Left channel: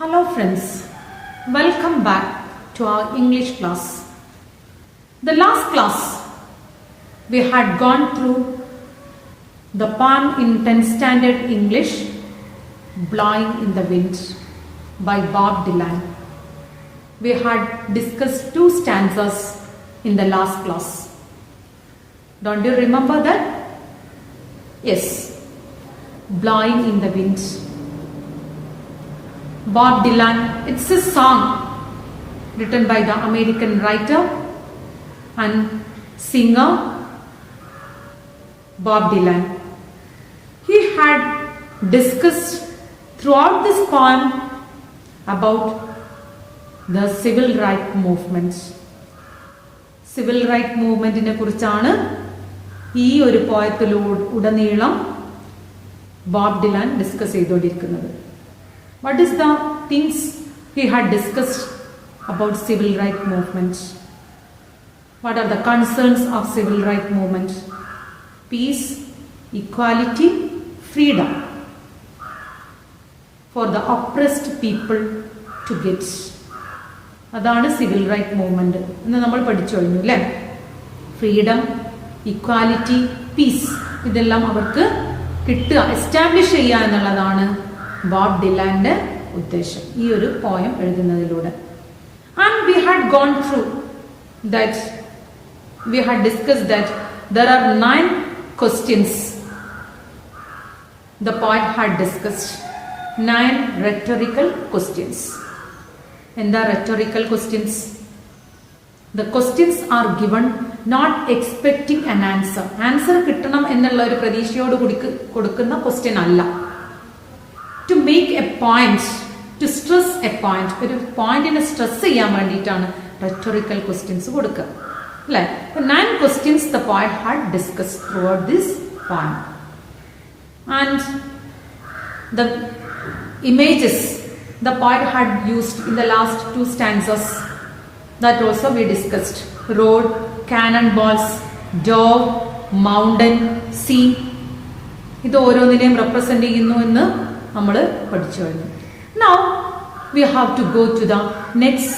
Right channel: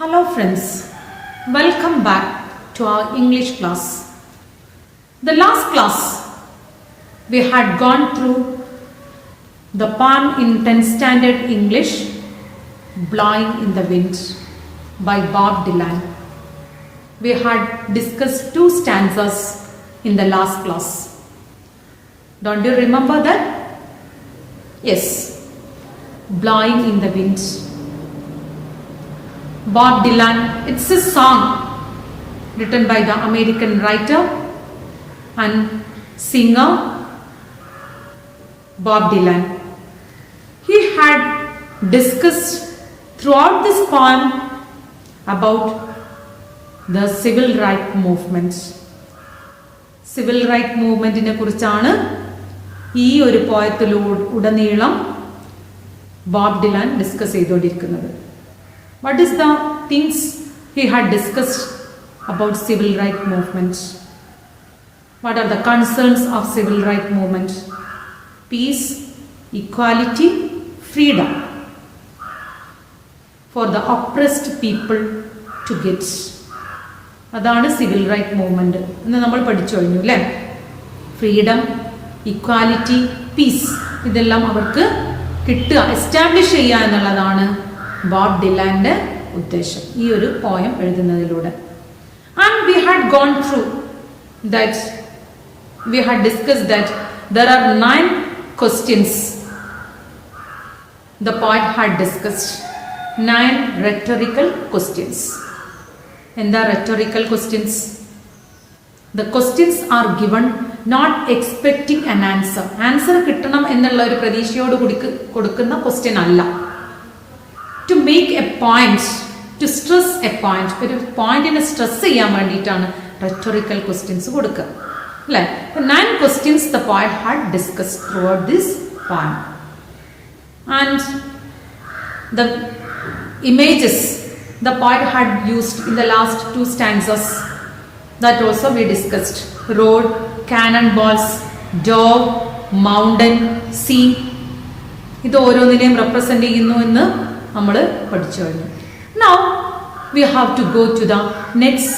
Hello friends, welcome back to our English class. The last class we had gone through the poem in 10th standard English, Blowing in the Wind by Bob Dylan. We had discussed two stanzas in the last class. Don't you remember that? Yes, Blowing in the Wind. Bob Dylan, it's a song written by the American writer and singer Bob Dylan. He had discussed throughout this poem about the civil rights movement. Civil rights movement-നെ കുറിച്ചാണ് ഈ ഒരു പോയത്തിലുടനീളം ബോബ് ഡിലാൻ ഡിസ്കസ് ചെയ്തുകൊണ്ടിരിക്കുന്നത്. What is the things he had discussed about civil rights movement? What are the concerns of civil rights movement? Peace, equality, freedom for the oppressed people to get. അതാണ് civil right movement എന്ന് നമ്മൾ പഠിച്ചു കഴിഞ്ഞു അല്ലേ. Freedom, equality, piece ഇതെല്ലാം അവർക്ക് കിട്ടുക, എസ്റ്റാബ്ലിഷ് ചെയ്യുക എന്നുള്ളതാണ് ബോബ് ഡിലാന്റെ ഉദ്ദേശം ഈ ഒരു പോയം എഴുതുന്നതിലൂടെ. And we had gone through that, we had discussed that there are 9 questions the poet had discussed. 9 rhetorical questions. And the rhetorical questions, the questions are given not expecting an answer. Answer കിട്ടണം എന്നുള്ള ഒരു പ്രതീക്ഷയോട് കൊടുക്കുന്ന ക്വസ്റ്റ്യൻ അല്ല. To make a point, to stress a point, ഒരു പോയിന്റിനെ സ്ട്രെസ് ചെയ്യാൻ വേണ്ടിയിട്ടാണ് rhetorical questions കൊടുക്കുക അല്ലേ. 9 questions the poet had discussed throughout this poem. And the images the poet had used in the last 2 stanzas, that also we discussed. Road, cannonballs, dog, mountain, sea, ഇത് ഓരോന്നിനെയും റെപ്രസെന്റ് ചെയ്യുന്നു എന്ന് നമ്മൾ പഠിച്ചു കഴിഞ്ഞു. Now we have to go to the next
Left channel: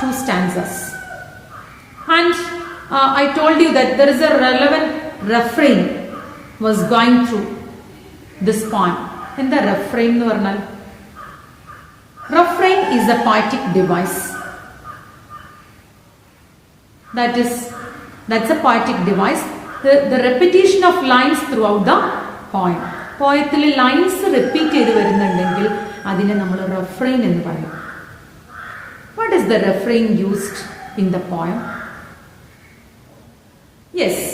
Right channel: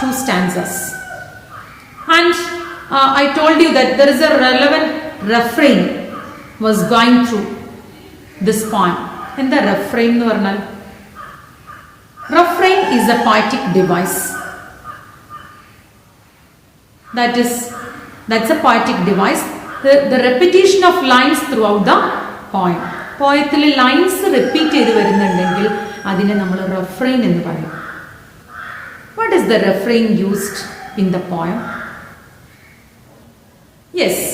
2 stanzas. And I told you that there is a relevant refrain was going through this poem. എന്താ refrain എന്ന് പറഞ്ഞാൽ? Refrain is a poetic device. That's a poetic device. The repetition of lines throughout the poem. പോയത്തിൽ lines repeat ചെയ്ത് വരുന്നുണ്ടെങ്കിൽ അതിനെ നമ്മൾ റെഫ്രെയിൻ എന്ന് പറയും. വാട്ട് ഈസ് ദ റെഫ്രെയിൻ used in the poem? Yes,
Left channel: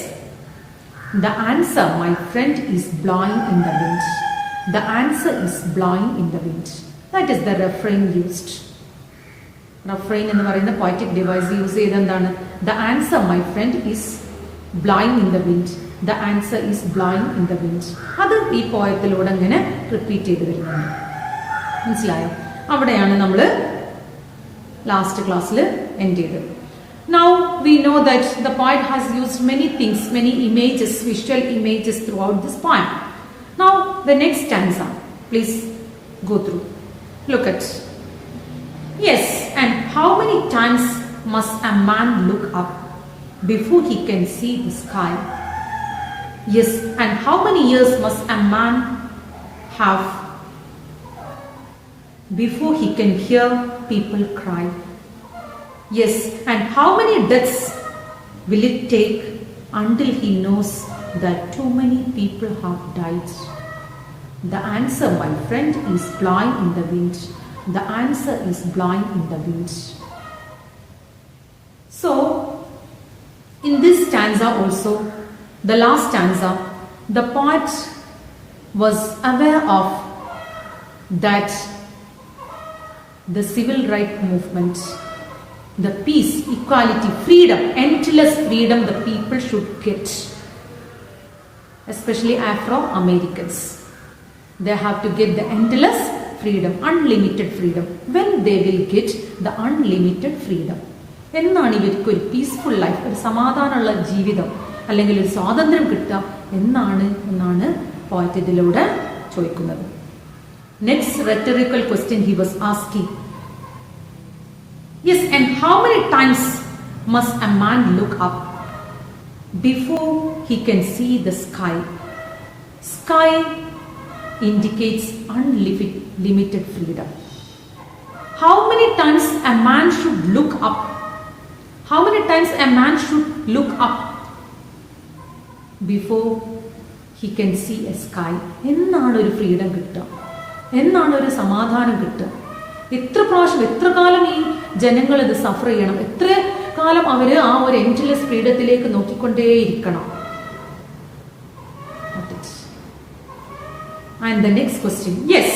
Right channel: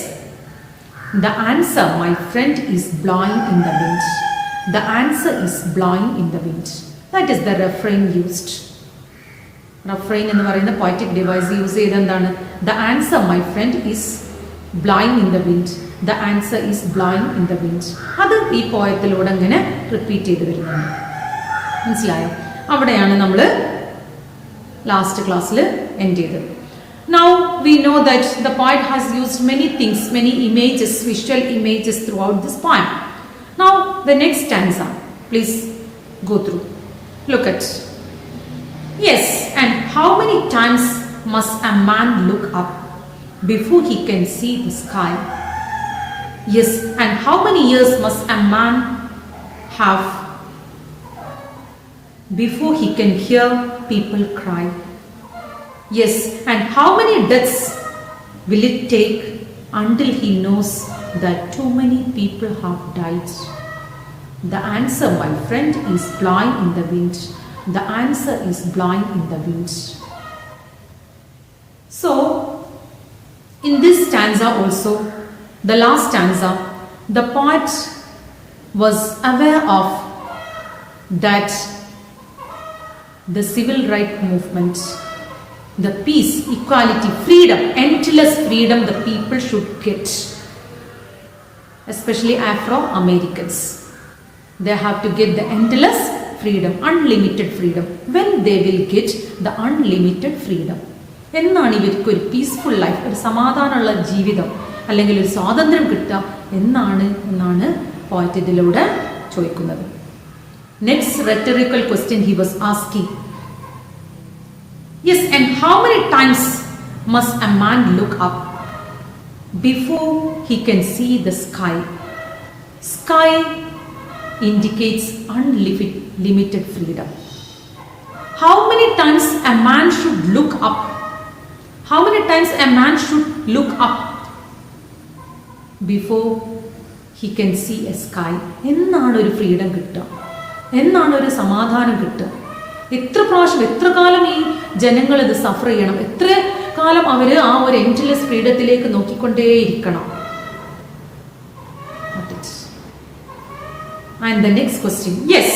the answer my friend is blowing in the wind. The answer is blowing in the wind. That is the റെഫ്രെയിൻ യൂസ്ഡ്. റെഫ്രെയിൻ എന്ന് പറയുന്ന പോയറ്റിക് ഡിവൈസ് യൂസ് ചെയ്ത് എന്താണ്? The answer my friend is blowing in the wind. The answer is blowing in the wind. അത് ഈ പോയത്തിലൂടെ അങ്ങനെ റിപ്പീറ്റ് ചെയ്ത് വരുന്നുണ്ട്. മനസ്സിലായോ? അവിടെയാണ് നമ്മൾ ലാസ്റ്റ് ക്ലാസ്സിൽ എൻഡ് ചെയ്തത്. Now we know that the poet has used many things, many images, visual images throughout this poem. Now the next stanza, please go through. Look at. Yes, and how many times must a man look up before he can see the sky? Yes, and how many years must a man have before he can hear people cry? Yes, and how many deaths will it take until he knows that too many people have died? The answer, my friend, is blowing in the wind. The answer is blowing in the wind. So, in this stanza also, the last stanza, the poet was aware of that the civil rights movement, the peace, equality, freedom, endless freedom the people should get, especially Afro-Americans. They have to get the endless freedom, unlimited freedom. When they will get the unlimited freedom, എന്നാണ് ഇവർക്ക് ഒരു peaceful life, ഒരു സമാധാനമുള്ള ജീവിതം അല്ലെങ്കിൽ ഒരു സ്വാതന്ത്ര്യം കിട്ടുക എന്നാണ് പോയറ്റ് ഇതിലൂടെ ചോദിക്കുന്നത്. Next rhetorical question he was asking. Yes, and how many times must a man look up before he can see the sky? Sky indicates unlimited freedom. How many times a man should look up? How many times a man should look up before he can see a sky? എന്നാണ് ഒരു ഫ്രീഡം കിട്ടുക? എന്നാണ് ഒരു സമാധാനം കിട്ടുക? എത്ര പ്രാവശ്യം, എത്ര കാലം ഈ ജനങ്ങൾ ഇത് സഫർ ചെയ്യണം? എത്ര കാലം അവർ ആ ഒരു എൻഡ്ലെസ് ഫ്രീഡത്തിലേക്ക് നോക്കിക്കൊണ്ടേയിരിക്കണം? And the next question, yes,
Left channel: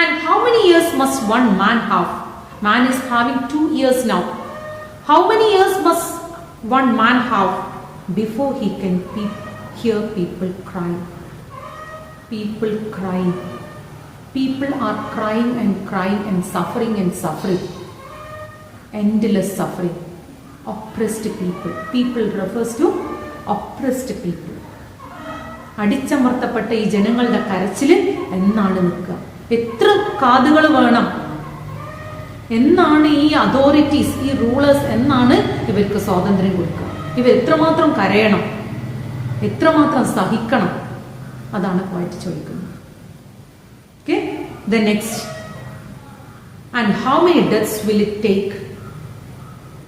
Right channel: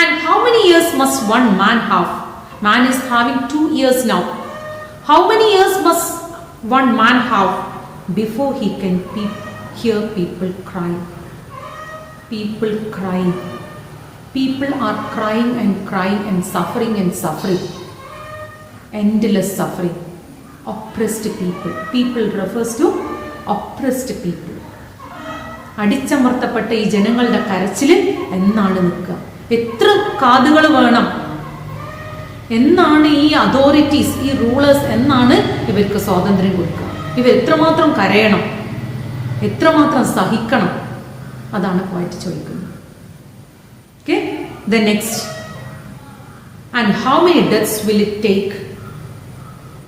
and how many years must one man have? Man is having 2 years now. How many years must one man have before he can hear people crying? People crying. People are crying and suffering and suffering. Endless suffering. Oppressed people. People refers to oppressed people. അടിച്ചമർത്തപ്പെട്ട ഈ ജനങ്ങളുടെ കരച്ചിൽ എന്നാണ് നിൽക്കുക? എത്ര കാതുകൾ വേണം? എന്നാണ് ഈ അതോറിറ്റീസ്, ഈ റൂളേഴ്സ് എന്നാണ് ഇവർക്ക് സ്വാതന്ത്ര്യം കൊടുക്കുക? ഇവർ എത്രമാത്രം കരയണം, എത്രമാത്രം സഹിക്കണം? അതാണ് പോയിട്ട് ചോദിക്കുന്നത്. Okay, the next, and how many deaths will it take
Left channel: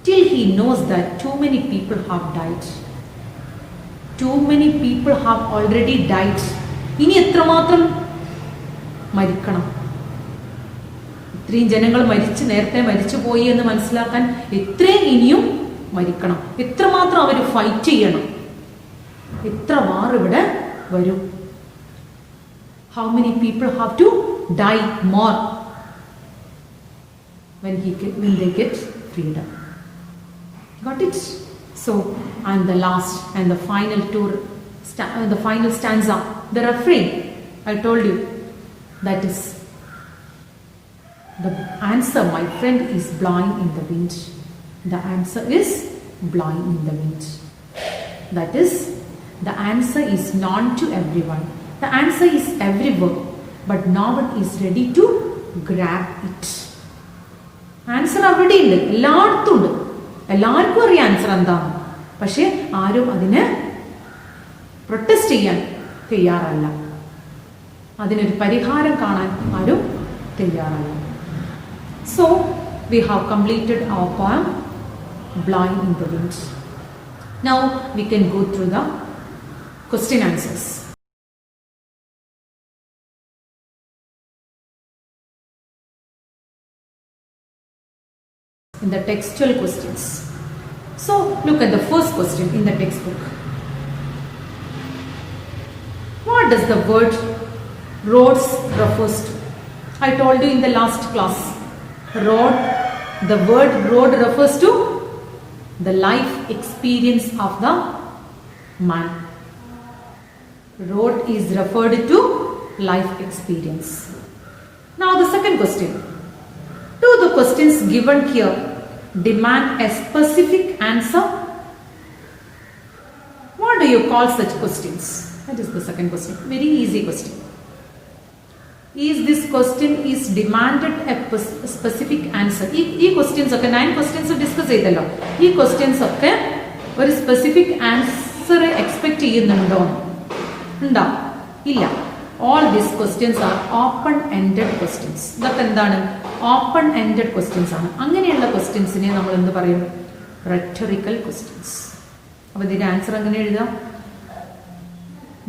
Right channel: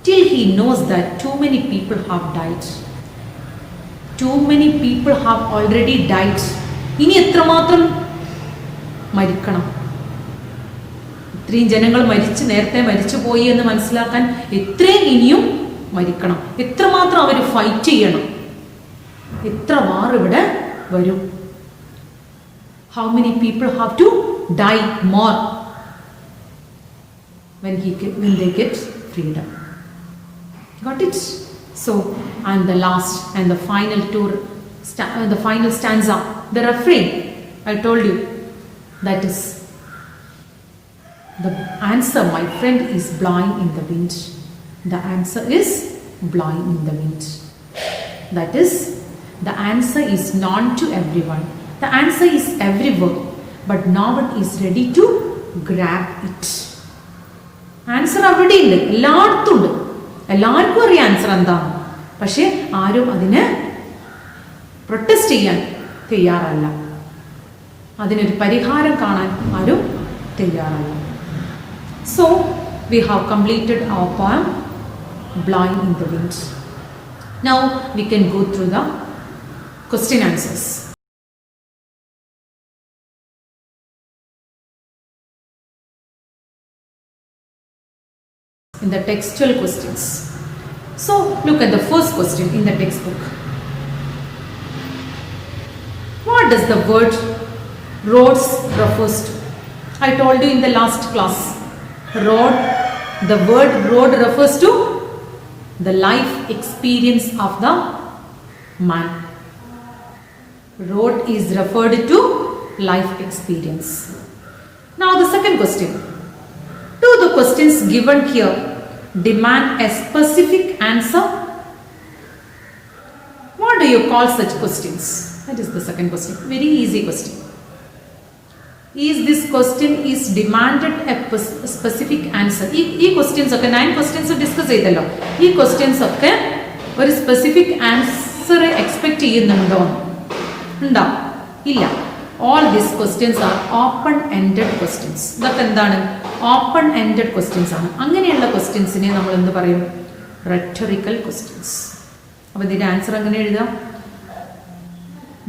till he knows that too many people have died? Too many people have already died. ഇനി എത്രമാത്രം മരിക്കണം? ഇത്രയും ജനങ്ങൾ നേരത്തെ മരിച്ചു പോയി എന്ന് മനസ്സിലാക്കാൻ എത്രയും ഇനിയും മരിക്കണം? എത്രമാത്രം അവർ ഫൈറ്റ് ചെയ്യണം? എത്ര വാർ ഇവിടെ വരും? How many people have to die more when they get freedom? Got it? So, and the last and the final the final stanza, the refrain, I told you, that is the answer, my friend, is blowing in the wind. The answer is blowing in the wind. That is, the answer is known to everyone. The answer is everywhere, but no one is ready to grab it. Answer അവിടെ ഉണ്ട്, എല്ലായിടത്തും ഉണ്ട്, എല്ലാവർക്കും അറിയാം ആൻസർ എന്താണ്. പക്ഷെ ആരും അതിന് പ്രൊട്ടസ്റ്റ് ചെയ്യാൻ തയ്യാറല്ല, അതിനൊരു പരിഹാരം കാണാൻ ആരും തയ്യാറല്ല. So we have completed our poem Blowing in the Wind. Now we can go through the question answers. In the textual questions. So look at the first question in the textbook. What does the word roads refers to? I told you in the last class. Road, the word road refers to the life experience of the man. Road is referred to life experience. Now the second question. Do the questions given here demand a specific answer? What do you call such questions? That is the second question. Very easy question. Is this question is demanded a specific answer? ഈ questions ഒക്കെ 9 questions discuss ചെയ്തല്ലോ. ഈ questions ഒക്കെ ഒരു specific answer expect ചെയ്യുന്നുണ്ടോ? ഉണ്ടോ? ഇല്ല. All these questions are open-ended questions. ഇതൊക്കെ എന്താണ്? Open-ended questions ആണ്. അങ്ങനെയുള്ള ക്വസ്റ്റ്യൻസിനെ നമ്മൾ എന്ത് പറയും? Rhetorical questions. അപ്പോൾ ഇതിന്റെ ആൻസർ എങ്ങനെ എഴുതാം?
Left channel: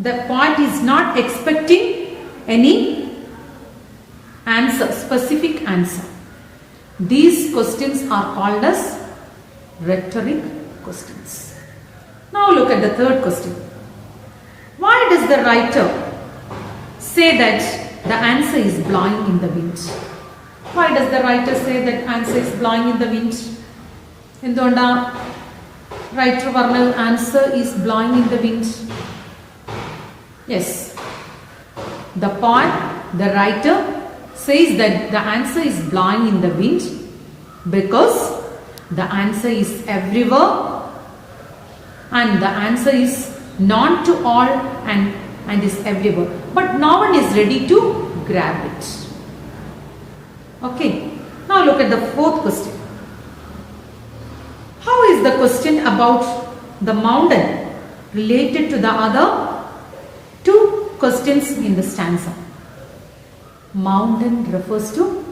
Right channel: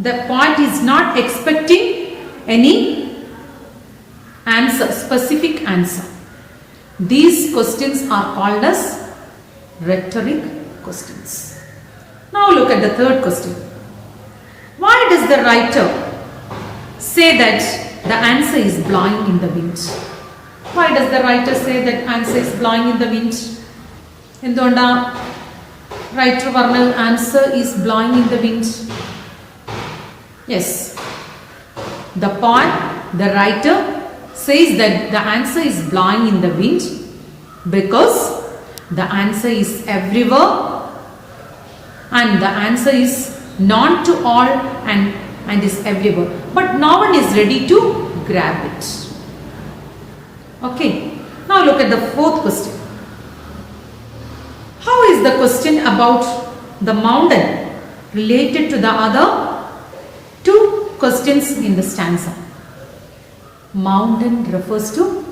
The poet is not expecting any answer, specific answer. These questions are called as rhetoric questions. Now look at the third question. Why does the writer say that the answer is blowing in the wind? Why does the writer say that answer is blowing in the wind? എന്തുകൊണ്ടാ റൈറ്റർ പറഞ്ഞത് answer is blowing in the wind? Yes, the poet, the writer says that the answer is blowing in the wind because the answer is everywhere and the answer is known to all and is everywhere, but no one is ready to grab it. Okay. Now look at the fourth question. How is the question about the mountain related to the other two questions in the stanza? Mountain refers to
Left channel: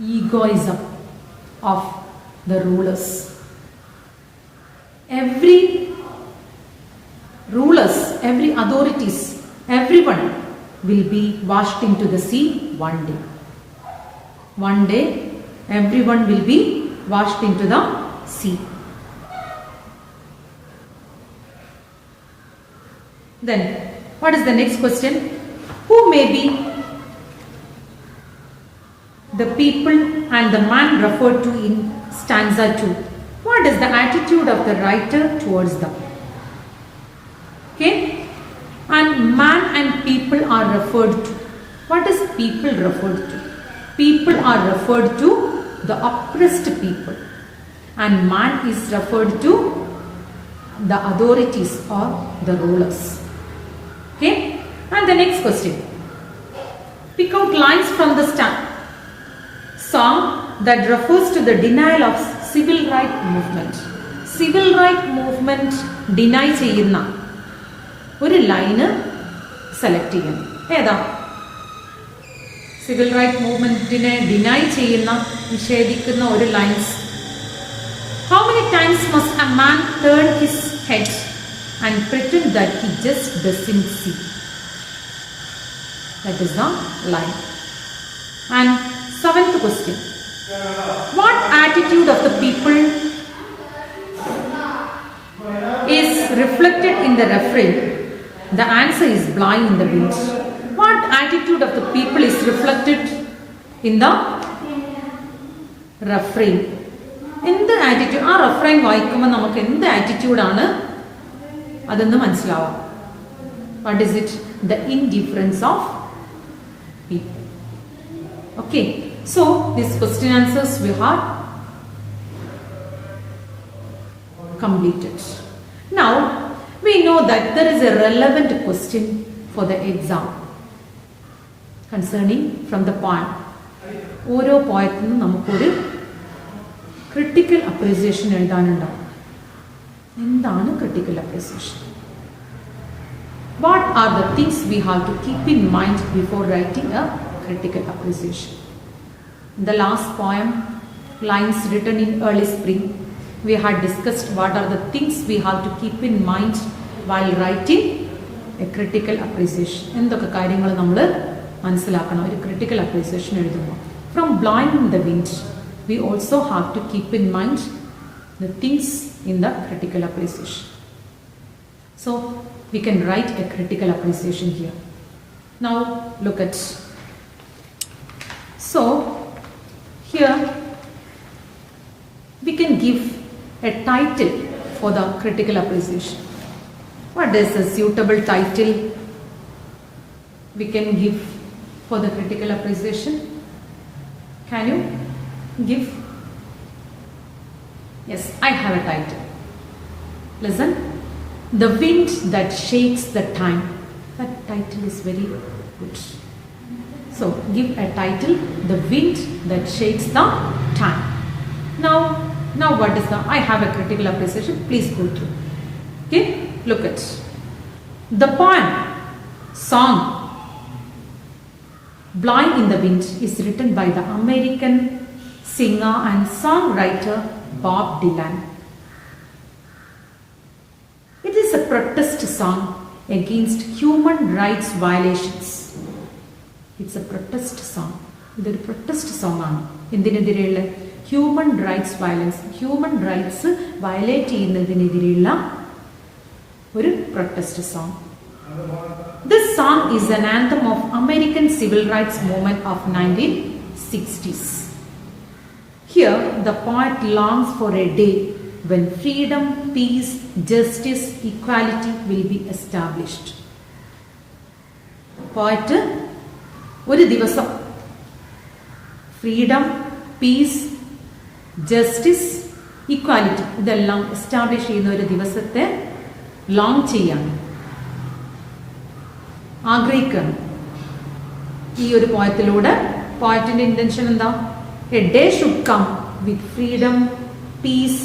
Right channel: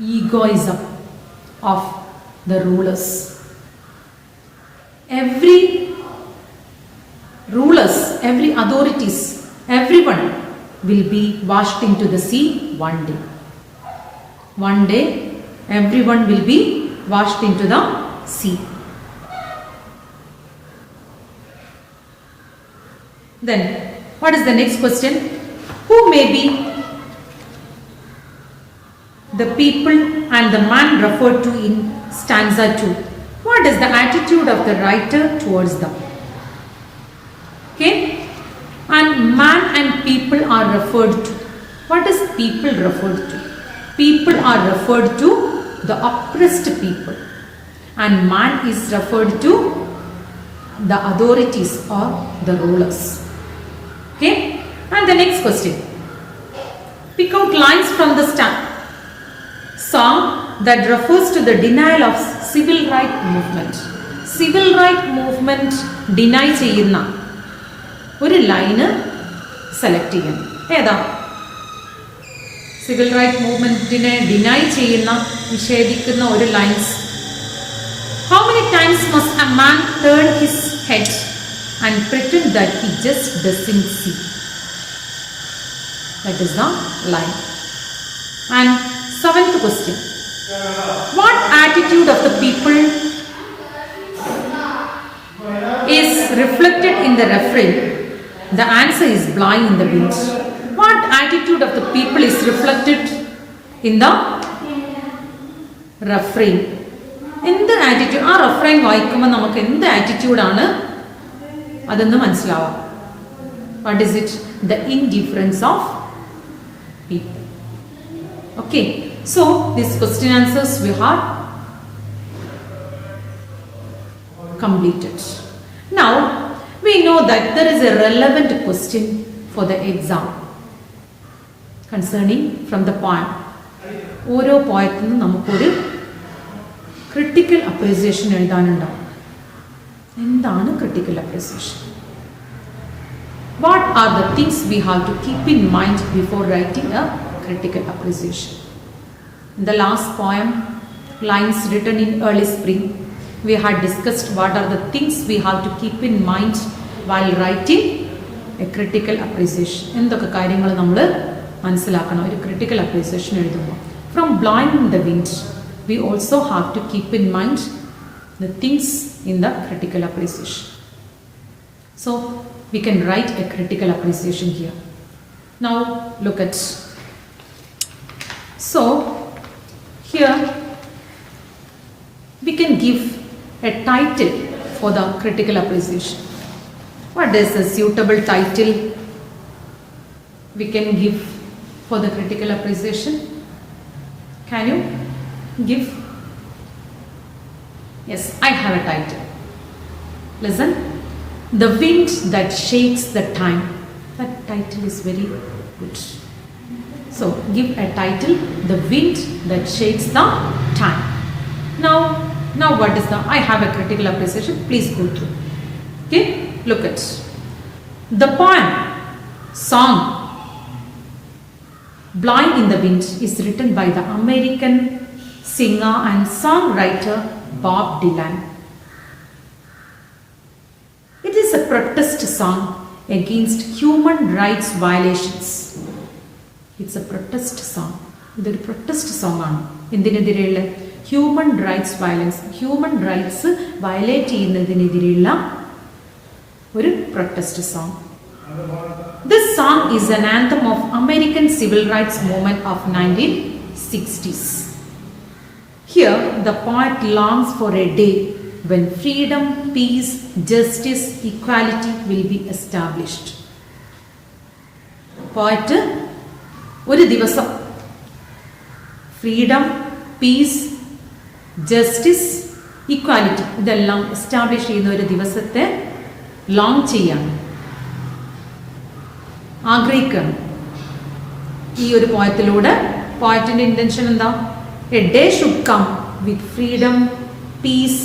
egoism of the rulers. Every rulers, every authorities, everyone will be washed into the sea one day. One day, everyone will be washed into the sea. Then, what is the next question? Who may be the people and the man referred to in stanza 2? What is the attitude of the writer towards them? Okay? And man and people are referred to. What is people referred to? People are referred to the oppressed people, and man is referred to the authorities or the rulers. Okay? And the next question. Pick out lines from the song that refers to the denial of civil rights movement. Civil rights movement deny ചെയ്യുന്ന ഒരു line select ചെയ്യണം. ഏതാ? Civil right മൂവ്മെന്റിനെ ഡിനൈ ചെയ്യുന്ന നിഷേധിക്കുന്ന ഒരു lines. How many times must a man turn his head and pretend that he just doesn't see? That is the line. And seventh question. What attitude of the people is reflected in the refrain? The answer is blowing in the wind. What attitude of the people is reflected in the refrain? എന്ത് ആറ്റിറ്റ്യൂഡ്? ആ റെഫ്രൈൻ വായിക്കുമ്പോൾ നമുക്ക് എന്ത് ആറ്റിറ്റ്യൂഡാണ് അതെന്ന് മനസ്സിലാവാം. What is it? The indifference of people. Okay, so this question answers we have completed. Now we know that there is a relevant question for the exam concerning from the poem. ഓരോ പോയത്തിൽ നിന്നും നമുക്കൊരു critical appreciation എഴുതാനുണ്ടാവും. എന്താണ് critical appreciation? What are the things we have to keep in mind before writing A critical appreciation? In the last poem, Lines Written in Early Spring, we had discussed what are the things we have to keep in mind while writing a critical appreciation. എന്തൊക്കെ കാര്യങ്ങൾ നമ്മൾ മനസ്സിലാക്കണം ഒരു critical appreciation എഴുതുമ്പോൾ? From blowing in the wind, we also have to keep in mind the things in the critical appreciation. So we can write a critical appreciation here. Now look at. So here we can give a title for the critical appreciation. What is a suitable title we can give for the critical appreciation? Can you give? Yes, I have a title. Listen. The wind that shakes the time. That title is very good. So give a title, The Wind That Shakes the Time. Now what is the, I have a critical appreciation, please go through. Okay, look at the poem, song, Blowing in the Wind is written by the American singer and songwriter Bob Dylan. It is a protest song against human rights violations. It's a protest song. ഇതൊരു protest song ആണ്. എന്തിനെതിരെയുള്ള? Human rights violence, human rights violate ചെയ്യുന്നതിനെതിരെയുള്ള ഒരു protest song. This song is an anthem of American civil rights movement of 1960s. Here the poet longs for a day when freedom, peace, justice, equality will be established. Poet ഒരു ദിവസം freedom, peace, justice, equality ഇതെല്ലാം establish ചെയ്യുന്ന ഒരു ദിവസത്തെ long ചെയ്യാണ്, ആഗ്രഹിക്കുകയാണ്. ഈ ഒരു പോയത്തിലൂടെ പോയറ്റിന്റെ ഇന്റൻഷൻ എന്താ? A day should come with freedom, peace,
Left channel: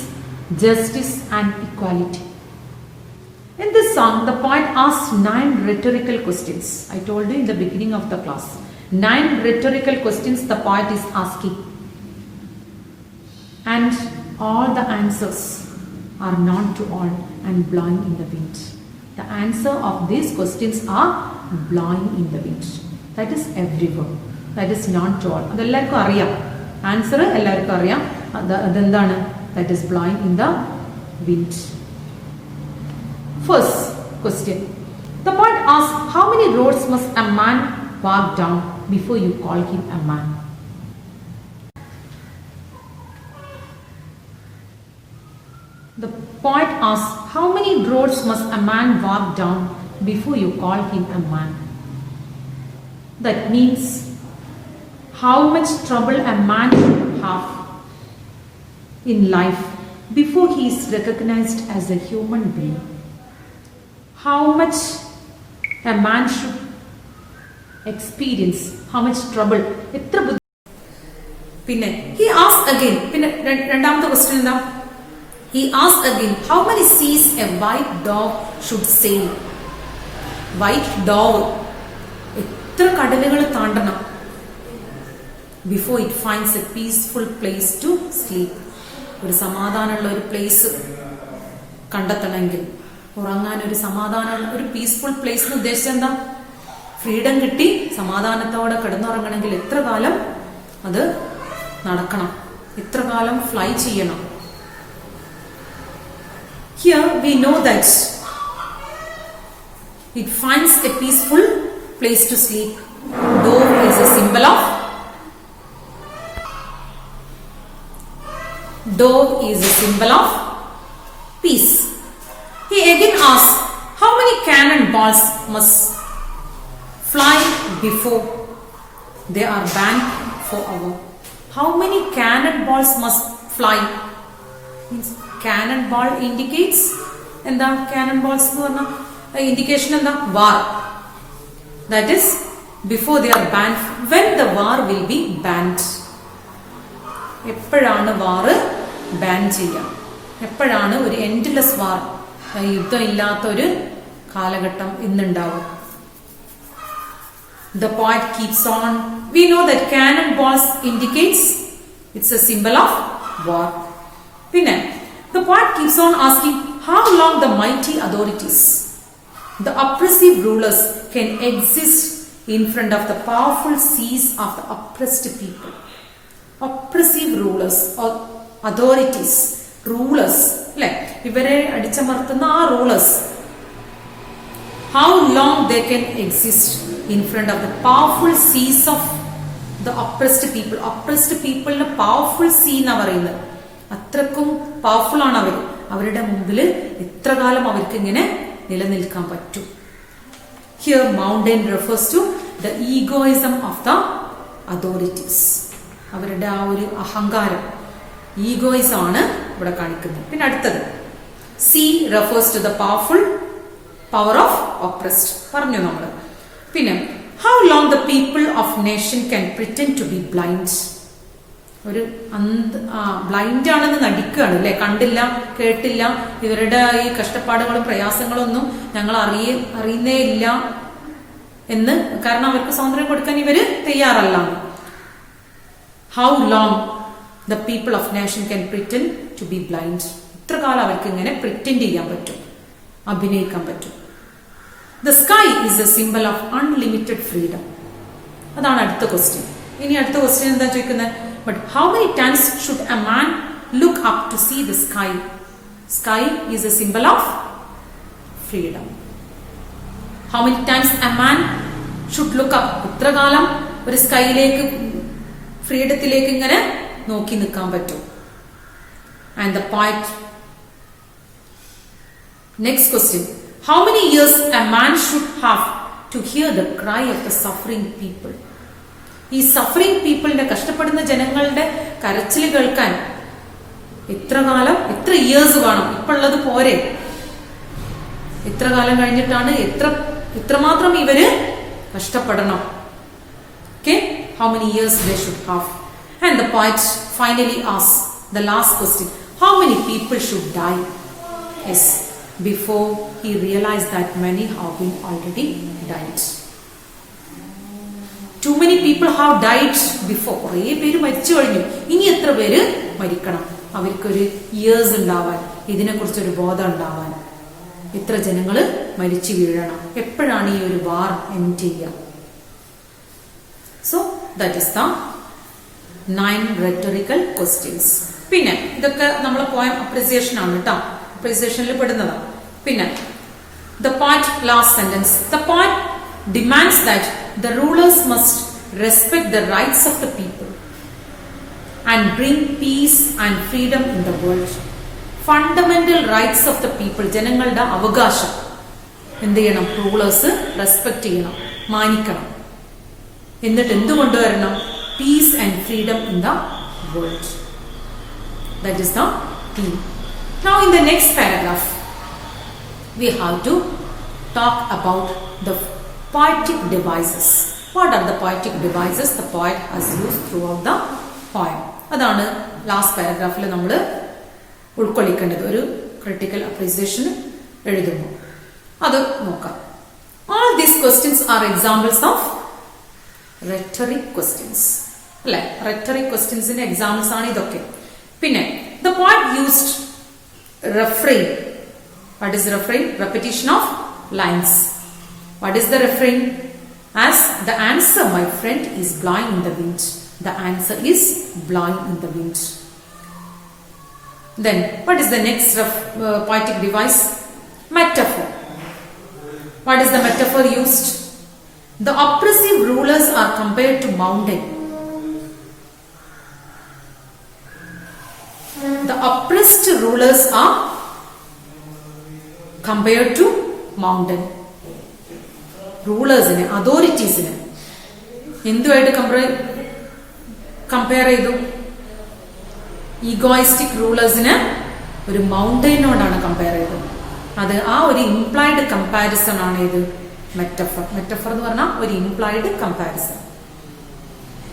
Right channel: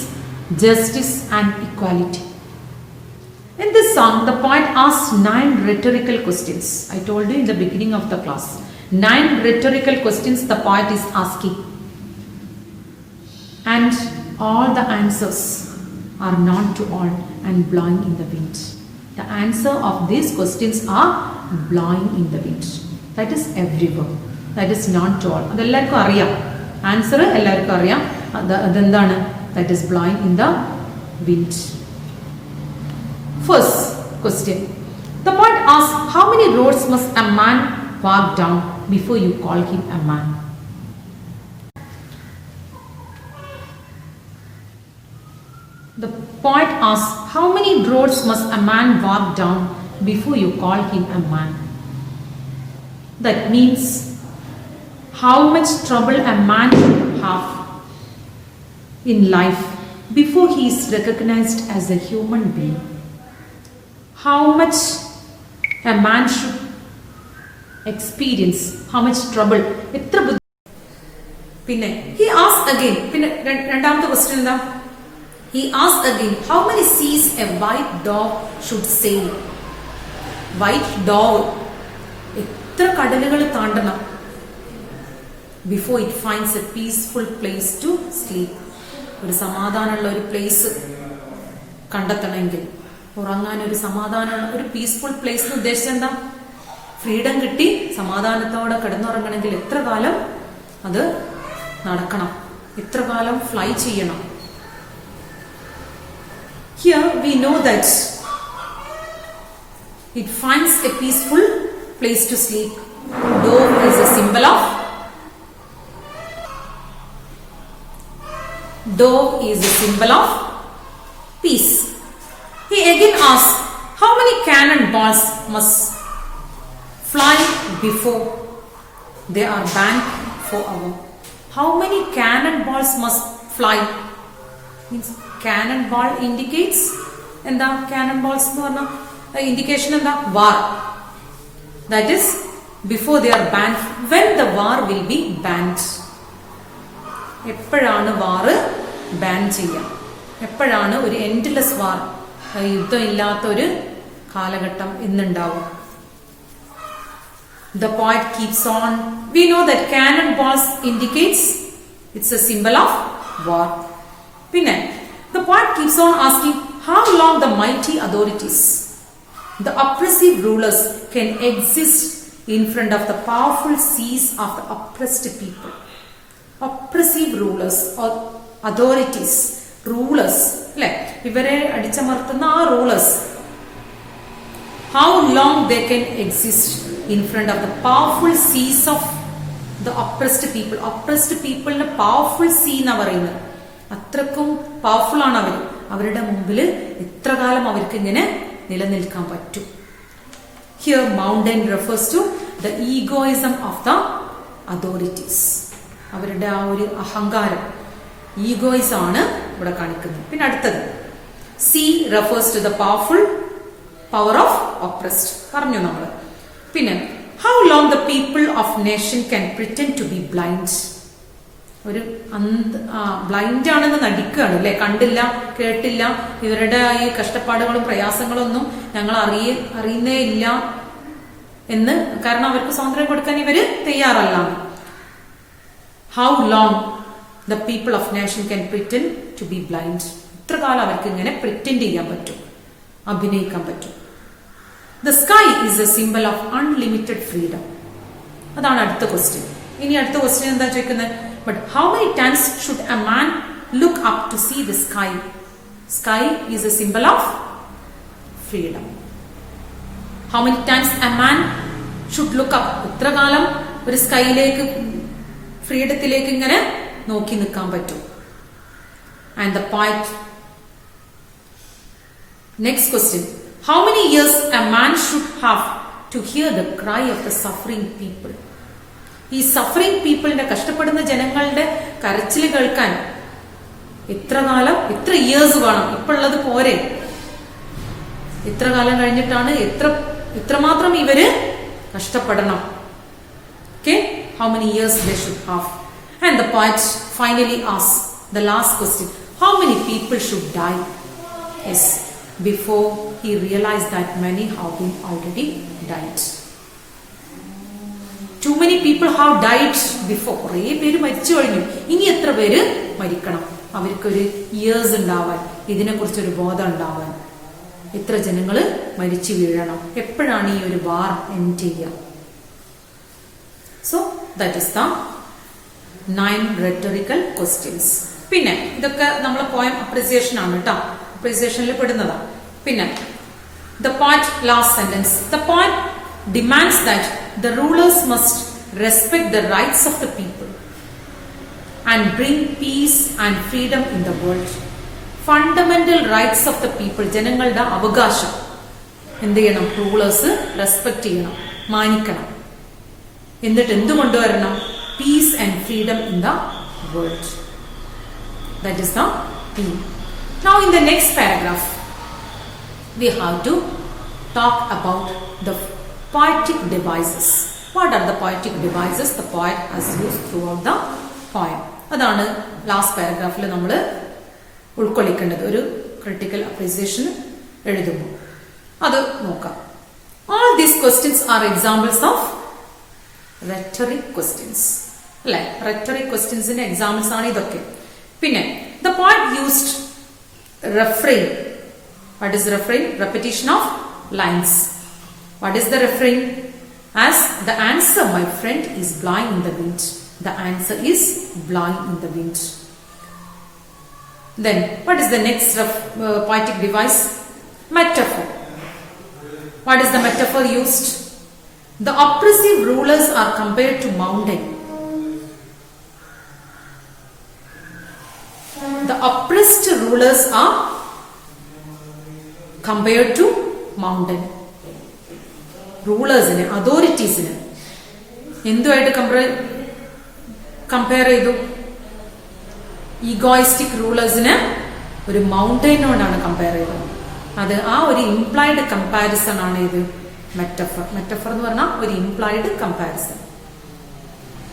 justice and equality. In this song, the poet asks 9 rhetorical questions. I told you in the beginning of the class. 9 rhetorical questions the poet is asking. And all the answers are known to all and blowing in the wind. The answer of these questions are blowing in the wind. That is everywhere. That is known to all. അതെല്ലാവർക്കും അറിയാം. ആൻസർ എല്ലാവർക്കും അറിയാം. അതെന്താണ്? That is blowing in the wind. First question. The poet asks, how many roads must a man walk down before you call him a man? The poet asks, how many roads must a man walk down before you call him a man? That means how much trouble a man should have in life before he is recognized as a human being. How much a man should experience, how much trouble. പിന്നെ he asks again, പിന്നെ രണ്ടാമത്തെ ക്വസ്റ്റ്യൻ എന്താ? He asks again, how many seas a white dove should sail? White dove എത്ര കടലുകൾ താണ്ടണം before it finds a peaceful place to sleep? ഒരു സമാധാനമുള്ള ഒരു പ്ലേസ് കണ്ടെത്തണമെങ്കിൽ, ഉറങ്ങാൻ ഒരു സമാധാനമുള്ള ഒരു പീസ്ഫുൾ പ്ലേസ് എന്ന് ഉദ്ദേശിച്ചത് എന്താ? ഫ്രീഡം കിട്ടി സമാധാനത്തോടെ കിടന്നുറങ്ങണമെങ്കിൽ എത്ര കാലം അത് നടക്കണം, എത്ര കാലം ഫ്ലൈ ചെയ്യണം. Here we know that it finds a peaceful place to sleep. Dove is a symbol of peace. He again asks, how many cannonballs must fly before they are banned forever? How many cannonballs must fly? Means cannonball indicates എന്താ? cannonballs എന്ന് പറഞ്ഞ indication എന്താ? war. That is before they are banned. When the war will be banned? എപ്പോഴാണ് വാറ് ബാൻ ചെയ്യാം? എപ്പോഴാണ് ഒരു എൻഡ്ലെസ് വാർ, യുദ്ധം ഇല്ലാത്ത ഒരു കാലഘട്ടം എന്നുണ്ടാവും? The poet keeps on. We know that cannonballs indicates it's a symbol of war. പിന്നെ the poet keeps on asking, how long the mighty authorities, the oppressive rulers, can exist in front of the powerful seas of the oppressed people? Oppressive rulers or authorities, rulers, അല്ലെ, ഇവരെ അടിച്ചമർത്തുന്ന ആ rulers, how long they can exist in front of the powerful seas of the oppressed people. Oppressed people ന് powerful sea എന്നാ പറയുന്നത്. അത്രക്കും പവർഫുൾ ആണ് അവർ. അവരുടെ മുമ്പിൽ എത്ര കാലം അവർക്ക് ഇങ്ങനെ നിലനിൽക്കാൻ പറ്റും? Here mountain refers to the egoism of the authorities. അവരുടെ ആ ഒരു അഹങ്കാരം, ഈഗോയിസം ആണ് ഇവിടെ കാണിക്കുന്നത്. പിന്നെ അടുത്തത് C refers to the power of oppressed പറഞ്ഞു നമ്മള്. പിന്നെ how long the people of nation can pretend to be blind. ഒരു ബ്ലൈൻഡ് ആണെന്ന് നടിക്കുകയാണ് അല്ലെ, കണ്ടില്ല കേട്ടില്ല, ഇവരുടെ ഈ കഷ്ടപ്പാടുകളും പ്രയാസങ്ങളും ഒന്നും ഞങ്ങൾ അറിയുന്നേ ഇല്ല എന്ന്, കാരണം അവർക്ക് സ്വാതന്ത്ര്യം കൊടുക്കാൻ ഇവര് തയ്യാറല്ല. How long the people of nation can pretend to be blind? ഇത്ര കാലം അവർക്ക് ഇങ്ങനെ പ്രിറ്റൻഡ് ചെയ്യാൻ പറ്റും, അഭിനയിക്കാൻ പറ്റും. The sky is a symbol of unlimited freedom. അതാണ് അടുത്ത ക്വസ്റ്റ്യൻ. ഇനി അടുത്ത ക്വസ്റ്റ്യൻ എന്താ ചോദിക്കുന്നത്? But how many times should a man look up to see the sky? Sky is a symbol of freedom. How many times a man should look up? എത്ര കാലം ഒരു സ്കൈയിലേക്ക്, ഫ്രീഡത്തിലേക്ക് ഇങ്ങനെ നോക്കി നിൽക്കാൻ പറ്റും? And the poet, next question, how many years a man should have to hear the cry of the suffering people? ഈ സഫറിംഗ് പീപ്പിളിന്റെ, കഷ്ടപ്പെടുന്ന ജനങ്ങളുടെ കരച്ചിൽ കേൾക്കാൻ എത്ര കാലം, എത്ര ഇയേഴ്സ് വേണം? ഇപ്പൊ ഉള്ളത് പോരെ, എത്ര കാലം കഴിഞ്ഞിട്ടാണ്, എത്രമാത്രം ഇവര് കഷ്ടപ്പെടണം? Okay, how many years they should have. And the poet finally asks the last question, how many people should die? Yes, before he realized that many have been already died. Too many people have died before. കുറേ പേര് മരിച്ചു കഴിഞ്ഞു. ഇനി എത്ര പേര് മരിക്കണം? അവർക്കൊരു ഇയേഴ്സ് ഉണ്ടാവാൻ, ഇതിനെക്കുറിച്ചൊരു ബോധം ഉണ്ടാവാൻ എത്ര ജനങ്ങള് മരിച്ചു വീഴണം? എപ്പോഴാണ് ഈ ഒരു വാർ എൻഡ് ചെയ്യുക? So that is the 9 rhetorical questions. പിന്നെ ഇതൊക്കെ നമ്മൾ പോയം അപ്രിസിയേഷൻ ആണ് കേട്ടോ, അപ്രിസിയേഷനിൽ പെടുന്നതാണ്. പിന്നെ the poet last sentence, the poet demands that the rulers must respect the rights of the people and bring peace and freedom in the world. Fundamental rights of the people, ജനങ്ങളുടെ അവകാശം എന്ത് ചെയ്യണം? Rulers respect ചെയ്യണം, മാനിക്കണം. എന്നിട്ട് എന്ത് കൊണ്ടുവരണം? Piece and freedom in the world. That is the theme. Now in the next paragraph we have to talk about the poetic devices. What are the poetic devices the poet has used throughout the poem? അതാണ് ലാസ്റ്റ് പാരഗ്രാഫിൽ നമ്മൾ ഉൾക്കൊള്ളിക്കേണ്ടത് ഒരു critical appreciation എഴുതുമ്പോൾ. അത് നോക്കാം. All these questions are examples of rhetoric questions. അല്ലെ, rhetoric questionsന്റെ എക്സാമ്പിൾസ് ആണ് ഇതൊക്കെ. പിന്നെ the poet used refrain. What is refrain? Repetition of lines. What is the refrain? As the answer, my friend, is blowing in the wind. The answer is blowing in the wind. Then, what is the next poetic device? Metaphor. What is the metaphor used? The oppressive rulers are compared to mountain. The oppressed rulers are compared to mountain. റൂളേഴ്സിന്, അതോറിറ്റീസിന് എന്തുമായിട്ട് കമ്പയർ ചെയ്തു? ഈഗോയിസ്റ്റിക് റൂളേഴ്സിന് ഒരു മൗണ്ടൈനോടാണ് കമ്പയർ ചെയ്തത്. അത് ആ ഒരു ഇംപ്ലൈഡ് കമ്പാരിസൺ ആണ് ഇത് മെറ്റഫർ. മെറ്റഫർ എന്ന് പറഞ്ഞാൽ ഒരു ഇംപ്ലൈഡ് കമ്പാരിസൺ.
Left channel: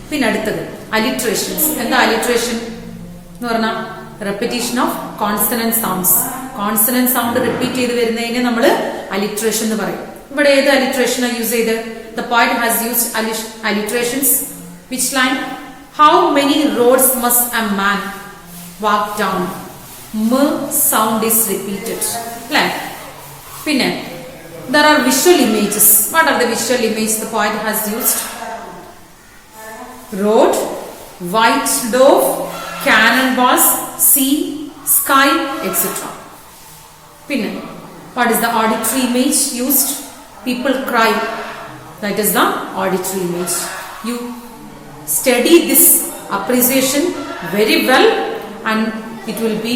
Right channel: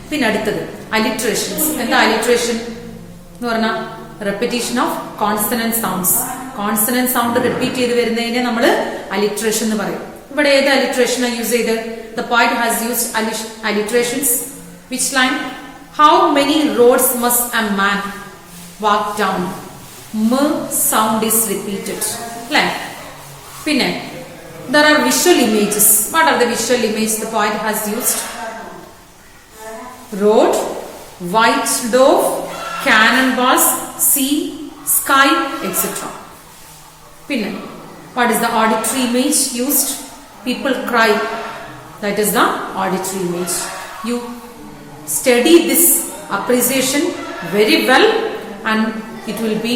പിന്നെ അടുത്തത് അലിട്രേഷൻസ്. എന്താ അലിട്രേഷൻ എന്ന് പറഞ്ഞാൽ? Repetition of consonant sounds. Consonant sound repeat ചെയ്ത് വരുന്നതിനെ നമ്മൾ അലിട്രേഷൻ എന്ന് പറയും. ഇവിടെ ഏത് അലിട്രേഷൻ യൂസ് ചെയ്ത്? ദ പോയറ്റ് ഹാസ് യൂസ്ഡ് അലിട്രേഷൻസ്. Which line? How many roads must a man വാക്ക് ഡൗൺ? മ സൗണ്ട് ഈസ് റിപ്പീറ്റഡ്. അല്ലെ? പിന്നെ there are visual images. What are the visual images the poet has used? Road, white dove, cannonballs, sea, sky, etc. Pinna. What is the auditory image used? People cry. That is the auditory image. You study this appreciation very well and it will be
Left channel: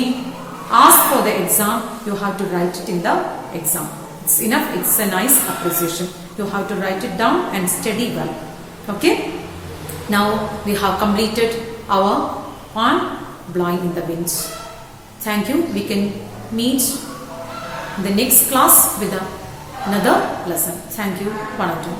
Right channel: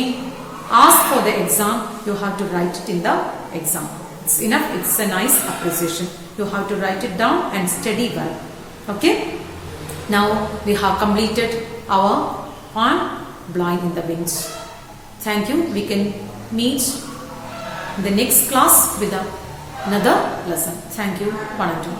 asked for the exam. You have to write it in the exam. It's enough. It's a nice appreciation. You have to write it down and study well. Okay? Now we have completed our on blowing in the winds. Thank you. We can meet in the next class with another lesson. Thank you. Panatu.